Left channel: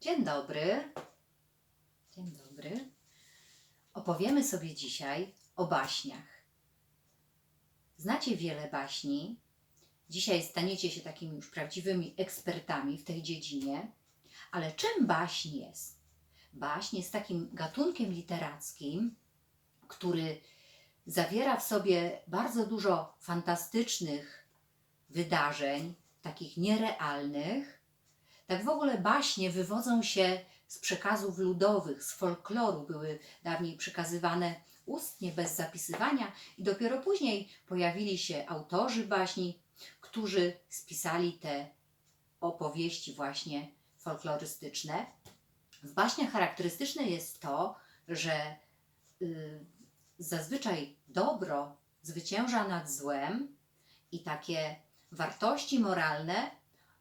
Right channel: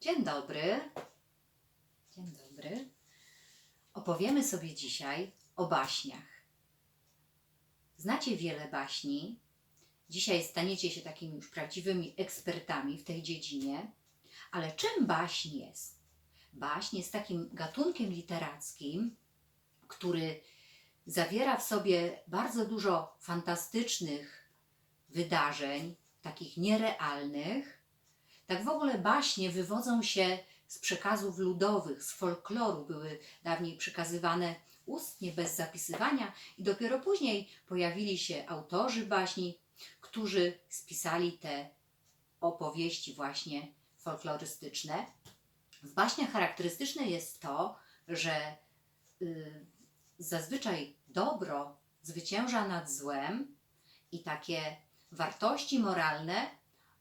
Dzień dobry. Dzień dobry. Opowiemy sobie dzisiaj o baśniach. Znacie wiele baśni. Dzisiaj staniecie się takimi już prawdziwymi ekspertami w tej dziedzinie. Ale czym baśń jest? Baśń jest takim gatunkiem literackim, który zawiera w sobie bardzo dużo fantastycznych wydarzeń, takich nierealnych. Tak w ogóle baśnie wywodzą się z przekazów ludowych, z folkloru, były dawniej przekazywane ustnie, bez zapisywania, i dopiero później pojawili się autorzy baśni, którzy spisali te opowieści właśnie folklorystyczne. W baśniach charakterystyczne jest to, że y, zazwyczaj dobro zwycięża nad złem i takie wartości moralne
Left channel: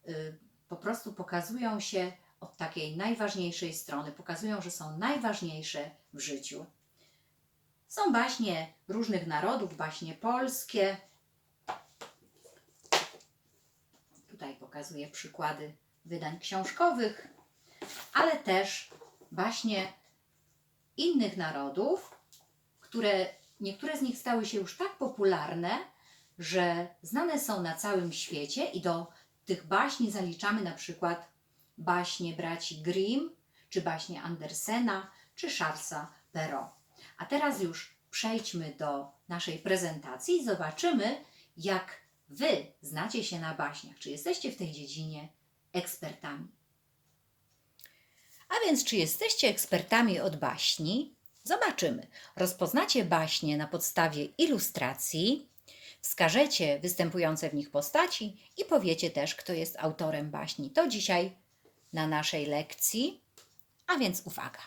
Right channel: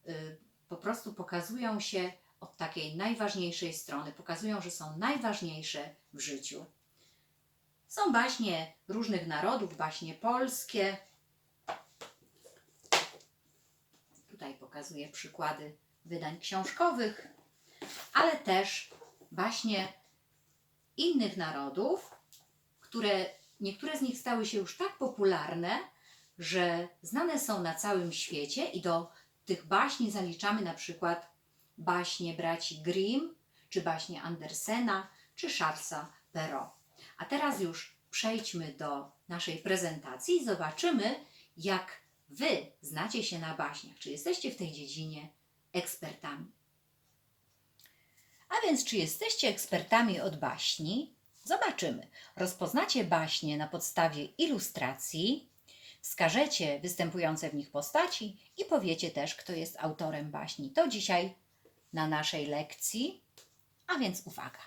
y, po prostu pokazują się od takiej najważniejszej strony, pokazują, że są najważniejsze w życiu. Są baśnie różnych narodów, baśnie polskie. Tutaj pokazuję przykłady wydań książkowych, ale też baśnie innych narodów, które niektóre z nich stały się już tak popularne, że znane są na całym świecie i do tych baśni zaliczamy na przykład baśnie braci Grimm, czy baśnie Andersena, czy Charlesa Perrault. A teraz już przejdźmy do naszej prezentacji i zobaczymy, jak Wy znacie się na baśniach. Czy jesteście w tej dziedzinie ekspertami? A więc, czy jesteście ekspertami od baśni? Zobaczymy. Rozpoznacie baśnie na podstawie ilustracji, wskażecie występujące w nich postaci i powiecie też, kto jest autorem baśni. To dzisiaj na naszej lekcji. A więc uwaga.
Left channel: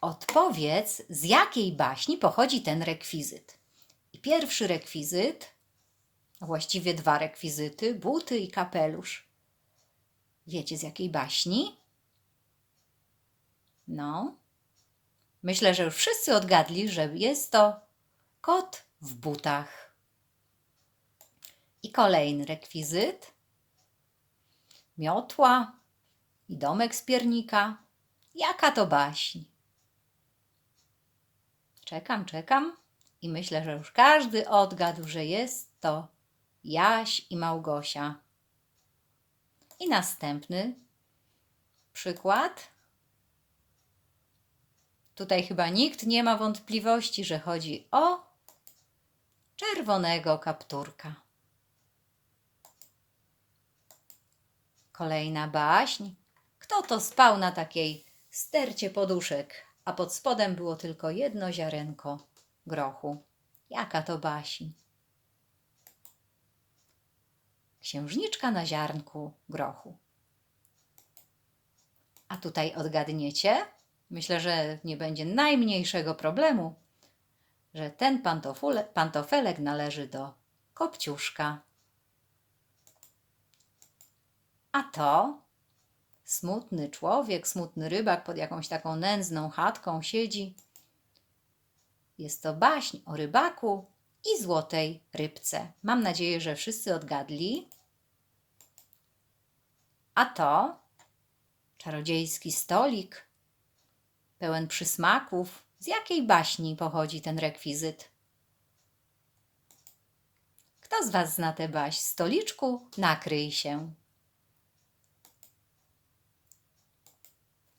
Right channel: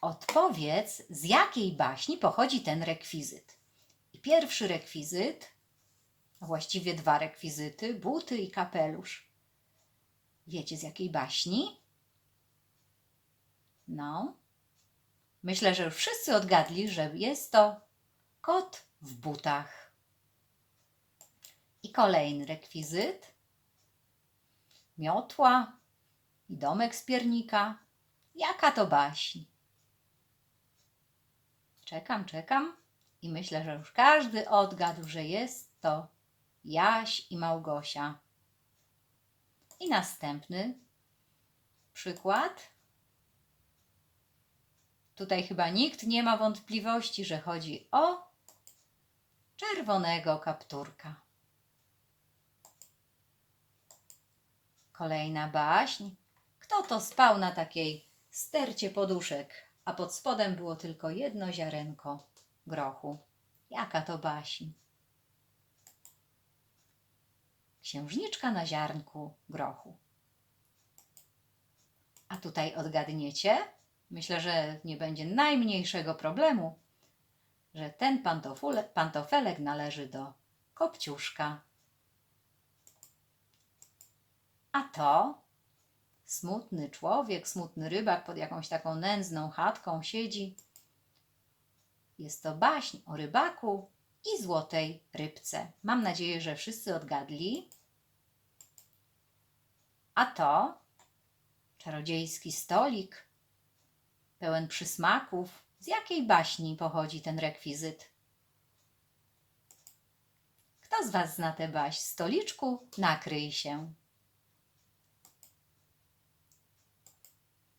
Odpowiedz, z jakiej baśni pochodzi ten rekwizyt. I pierwszy rekwizyt, właściwie dwa rekwizyty, buty i kapelusz. Wiecie z jakiej baśni? No. Myślę, że już wszyscy odgadli, że jest to kot w butach. I kolejny rekwizyt. Miotła i domek z piernika. Jaka to baśń? Czekam, czekam i myślę, że już każdy odgadł, że jest to Jaś i Małgosia. I następny przykład. Tutaj chyba nikt nie ma wątpliwości, że chodzi o czerwonego kapturka. Kolejna baśń. Kto to spał na takiej stercie poduszek, a pod spodem było tylko jedno ziarenko grochu? Jaka to baśń? Księżniczka na ziarnku grochu. A tutaj odgadniecie? Myślę, że nie będzie najmniejszego problemu, że ten pantofelek należy do kopciuszka. A to smutny człowiek, smutny rybak pod jakąś taką nędzną chatką siedzi. Jest to baśń o rybaku i złotej rybce. Mam nadzieję, że wszyscy odgadli. A to czarodziejski stolik pełen przysmaków. Z jakiej baśni pochodzi ten rekwizyt? Kto z Was zna tę baśń? Stoliczku, nakryj się.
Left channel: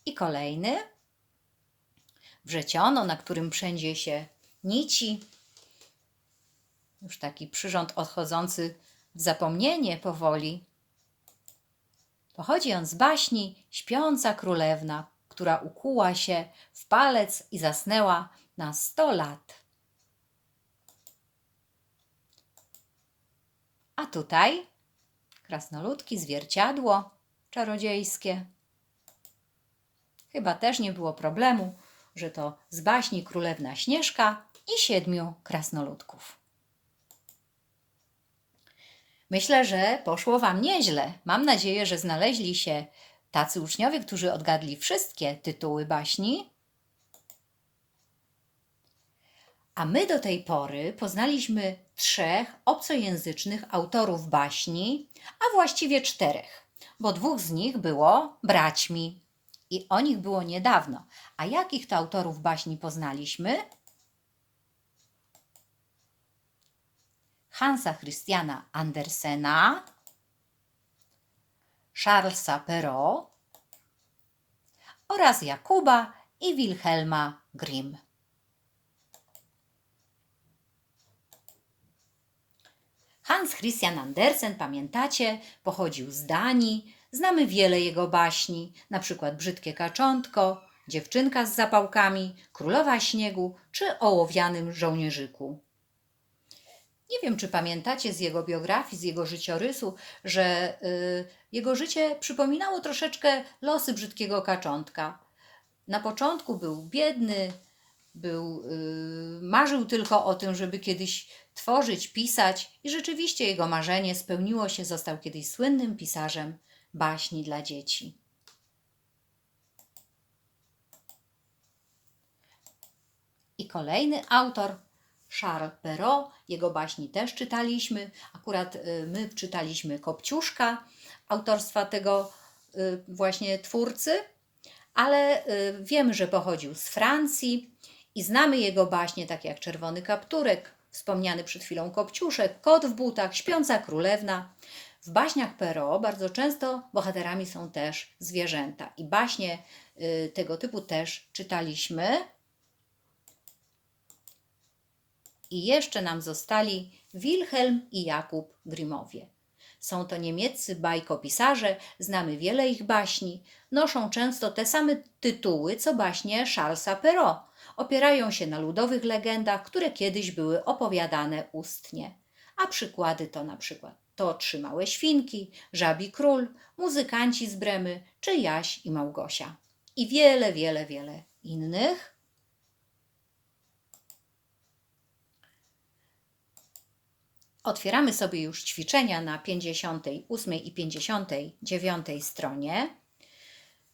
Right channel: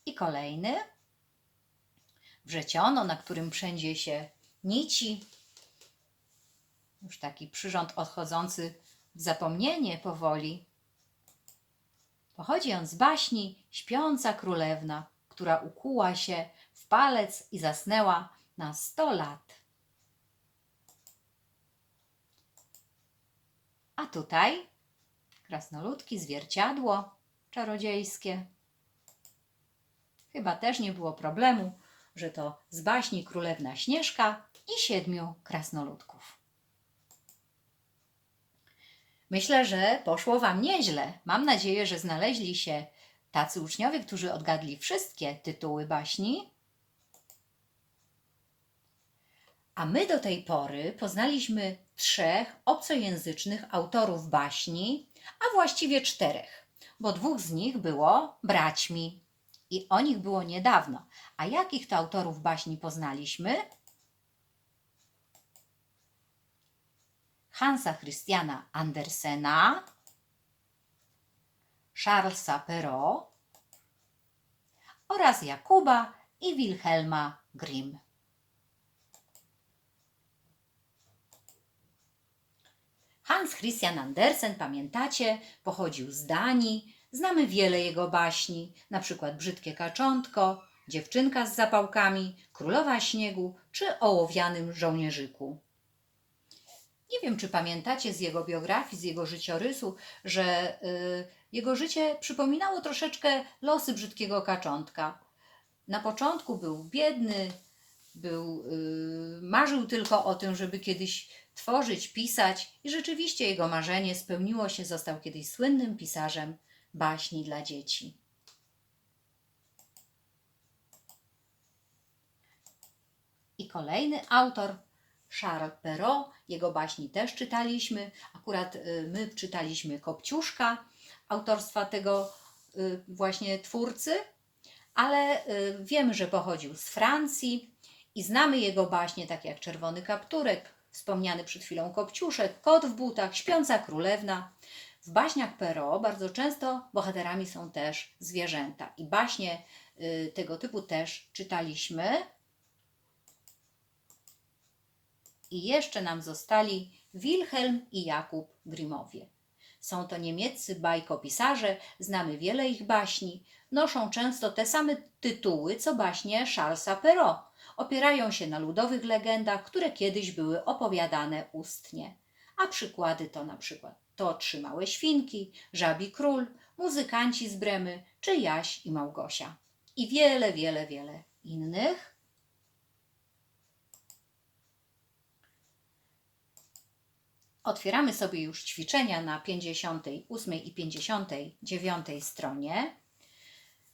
I kolejny. Wrzeciono, na którym przędzie się nici. Już taki przyrząd odchodzący w zapomnienie powoli. Pochodzi on z baśni Śpiąca Królewna, która ukuła się w palec i zasnęła na sto lat. A tutaj krasnoludki, zwierciadło czarodziejskie. Chyba też nie było problemu, że to z baśni Królewna Śnieżka i siedmiu krasnoludków. Myślę, że poszło Wam nieźle. Mam nadzieję, że znaleźli się tacy uczniowie, którzy odgadli wszystkie tytuły baśni. A my do tej pory poznaliśmy trzech obcojęzycznych autorów baśni, a właściwie czterech. bo dwóch z nich było braćmi i o nich było niedawno. A jakich to autorów baśni poznaliśmy? Hansa Christiana Andersena, Charlesa Perrault oraz Jakuba i Wilhelma Grimm. Hans Christian Andersen, pamiętacie, pochodził z Danii. Znamy wiele jego baśni, na przykład Brzydkie kaczątko, Dziewczynka z zapałkami, Królowa śniegu czy Ołowianym żołnierzyku. Nie wiem, czy pamiętacie z jego biografii, z jego życiorysu, że y, jego życie przypominało troszeczkę losy brzydkiego kaczątka. Na początku był biedny, był, y, marzył tylko o tym, żeby kiedyś tworzyć, pisać, i rzeczywiście jego marzenie spełniło się, został kiedyś słynnym pisarzem baśni dla dzieci. I kolejny autor, Charles Perrault, jego baśni też czytaliśmy. Akurat y, my czytaliśmy Kopciuszka autorstwa tego y, właśnie twórcy, ale y, wiemy, że pochodził z Francji i znamy jego baśnie, takie jak Czerwony Kapturek, wspomniany przed chwilą Kopciuszek, Kot w butach, Śpiąca Królewna. W baśniach Perrault bardzo często bohaterami są też zwierzęta i baśnie tego typu też czytaliśmy. I jeszcze nam zostali Wilhelm i Jakub Grimowie. Są to niemieccy bajkopisarze, znamy wiele ich baśni, noszą często te same tytuły co baśnie Charlesa Perrault. Opierają się na ludowych legendach, które kiedyś były opowiadane ustnie. A przykłady to na przykład to Trzy Małe Świnki, Żabi Król, Muzykanci z Bremy czy Jaś i Małgosia. I wiele, wiele, wiele innych. Otwieramy sobie już ćwiczenia na 58 i 59 stronie.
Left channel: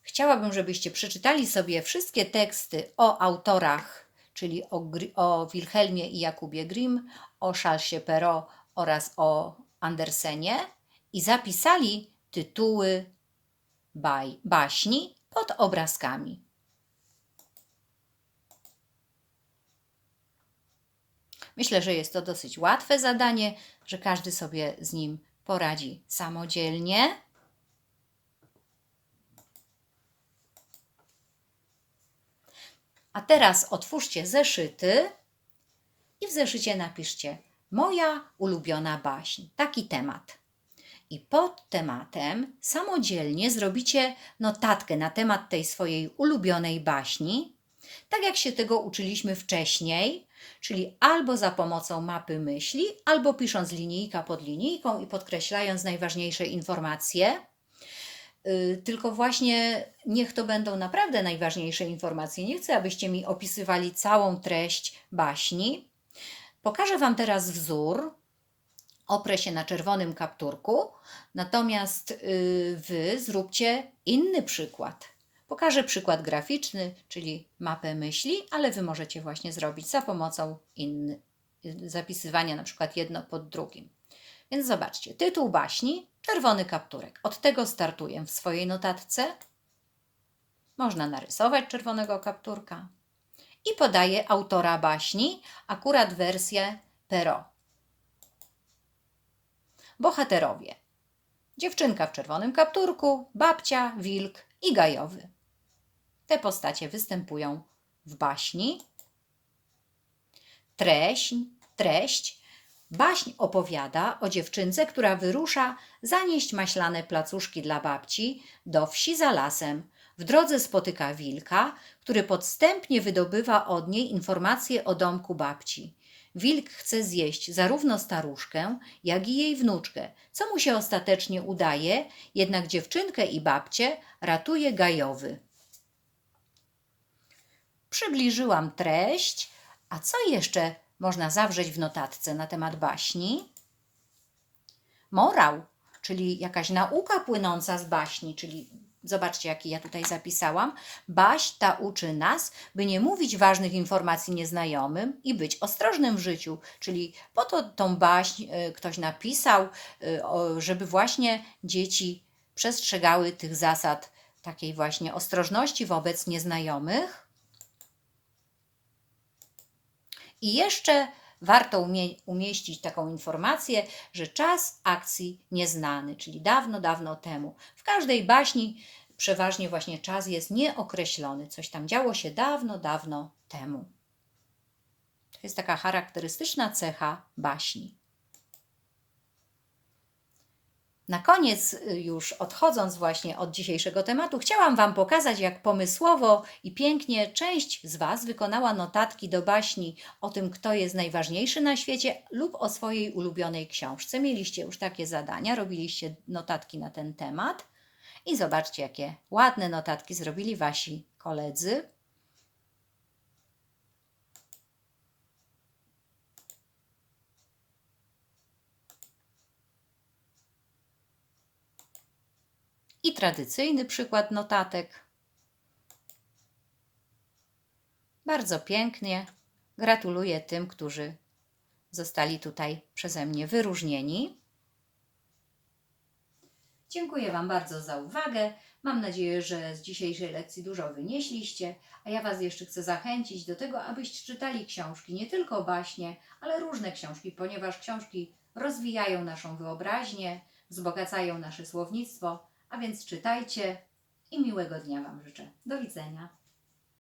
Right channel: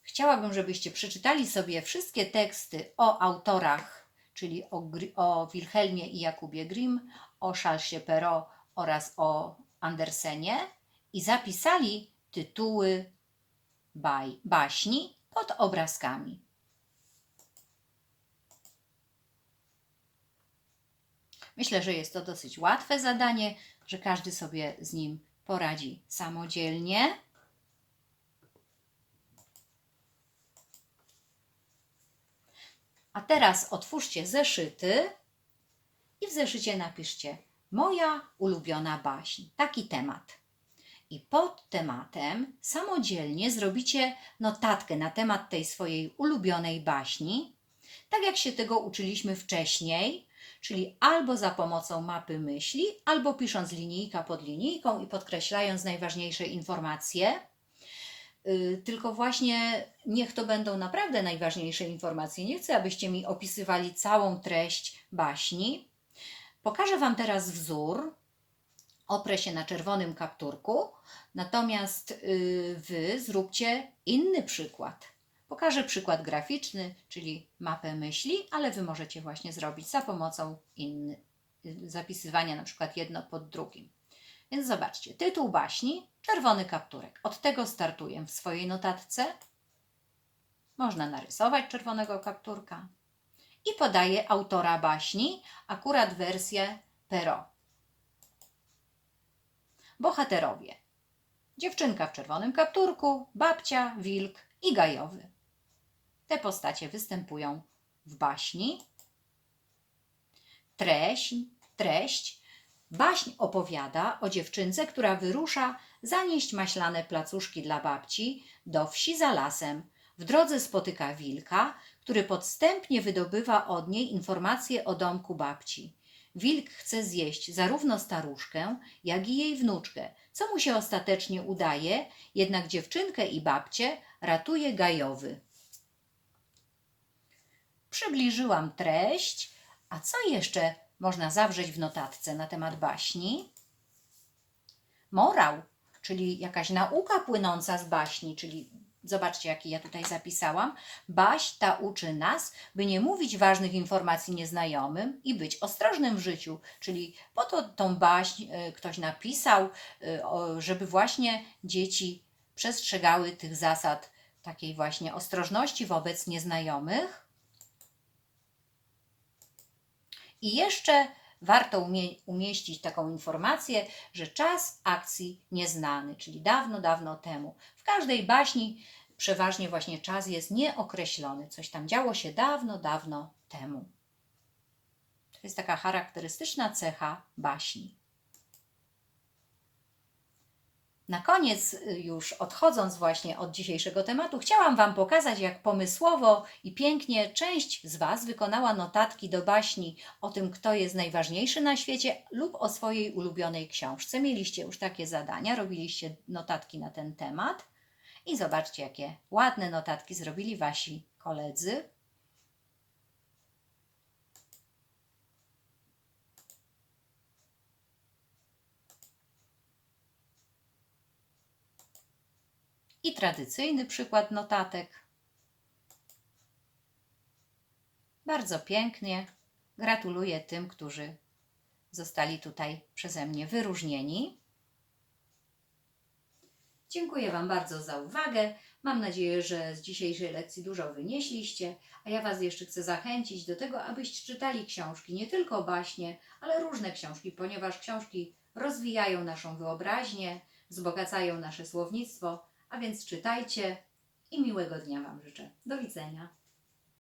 Chciałabym, żebyście przeczytali sobie wszystkie teksty o autorach, czyli o, o Wilhelmie i Jakubie Grimm, o Charlesie Perrault oraz o Andersenie i zapisali tytuły baśni pod obrazkami. Myślę, że jest to dosyć łatwe zadanie, że każdy sobie z nim poradzi samodzielnie. A teraz otwórzcie zeszyty i w zeszycie napiszcie Moja ulubiona baśń. Taki temat. I pod tematem samodzielnie zrobicie notatkę na temat tej swojej ulubionej baśni, tak jak się tego uczyliśmy wcześniej, czyli albo za pomocą mapy myśli, albo pisząc linijka pod linijką i podkreślając najważniejsze informacje. Y, Tylko właśnie niech to będą naprawdę najważniejsze informacje. Nie chcę, abyście mi opisywali całą treść baśni. Pokażę Wam teraz wzór. Oprę się na czerwonym kapturku, natomiast y, Wy zróbcie inny przykład. Pokażę przykład graficzny, czyli mapę myśli, ale Wy możecie właśnie zrobić za pomocą inny, zapisywania na przykład jedno pod drugim. Więc zobaczcie, tytuł baśni, czerwony kapturek. Od tego startuję w swojej notatce. Można narysować czerwonego kapturka. I podaję autora baśni, akurat wersję Perrault. Bohaterowie. Dziewczynka w czerwonym kapturku, babcia, wilk i gajowy. Te postacie występują w baśni. Treść, treść. Baśń opowiada o dziewczynce, która wyrusza zanieść maślane placuszki dla babci do wsi za lasem. W drodze spotyka wilka, który podstępnie wydobywa od niej informacje o domku babci. Wilk chce zjeść zarówno staruszkę, jak i jej wnuczkę, co mu się ostatecznie udaje, jednak dziewczynkę i babcię ratuje gajowy. Przybliżyłam treść, a co jeszcze można zawrzeć w notatce na temat baśni? Morał, czyli jakaś nauka płynąca z baśni, czyli zobaczcie, jaki ja tutaj zapisałam. Baśń ta uczy nas, by nie mówić ważnych informacji nieznajomym i być ostrożnym w życiu, czyli po to tą baśń y, ktoś napisał, o- żeby właśnie dzieci przestrzegały tych zasad takiej właśnie ostrożności wobec nieznajomych. I jeszcze warto umie- umieścić taką informację, że czas akcji nieznany, czyli dawno, dawno temu. W każdej baśni przeważnie właśnie czas jest nieokreślony. Coś tam działo się dawno, dawno temu. To jest taka charakterystyczna cecha baśni. Na koniec, y, już odchodząc właśnie od dzisiejszego tematu, chciałam Wam pokazać, jak pomysłowo i pięknie część z Was wykonała notatki do baśni o tym, kto jest najważniejszy na świecie lub o swojej ulubionej książce. Mieliście już takie zadania, robiliście notatki na ten temat i zobaczcie, jakie ładne notatki zrobili Wasi koledzy. I tradycyjny przykład notatek. Bardzo pięknie. Gratuluję tym, którzy zostali tutaj przeze mnie wyróżnieni. Dziękuję Wam bardzo za uwagę. Mam nadzieję, że z dzisiejszej lekcji dużo wynieśliście, a ja Was jeszcze chcę zachęcić do tego, abyście czytali książki, nie tylko baśnie, ale różne książki, ponieważ książki rozwijają naszą wyobraźnię, wzbogacają nasze słownictwo, a więc czytajcie i miłego dnia Wam życzę. Do widzenia.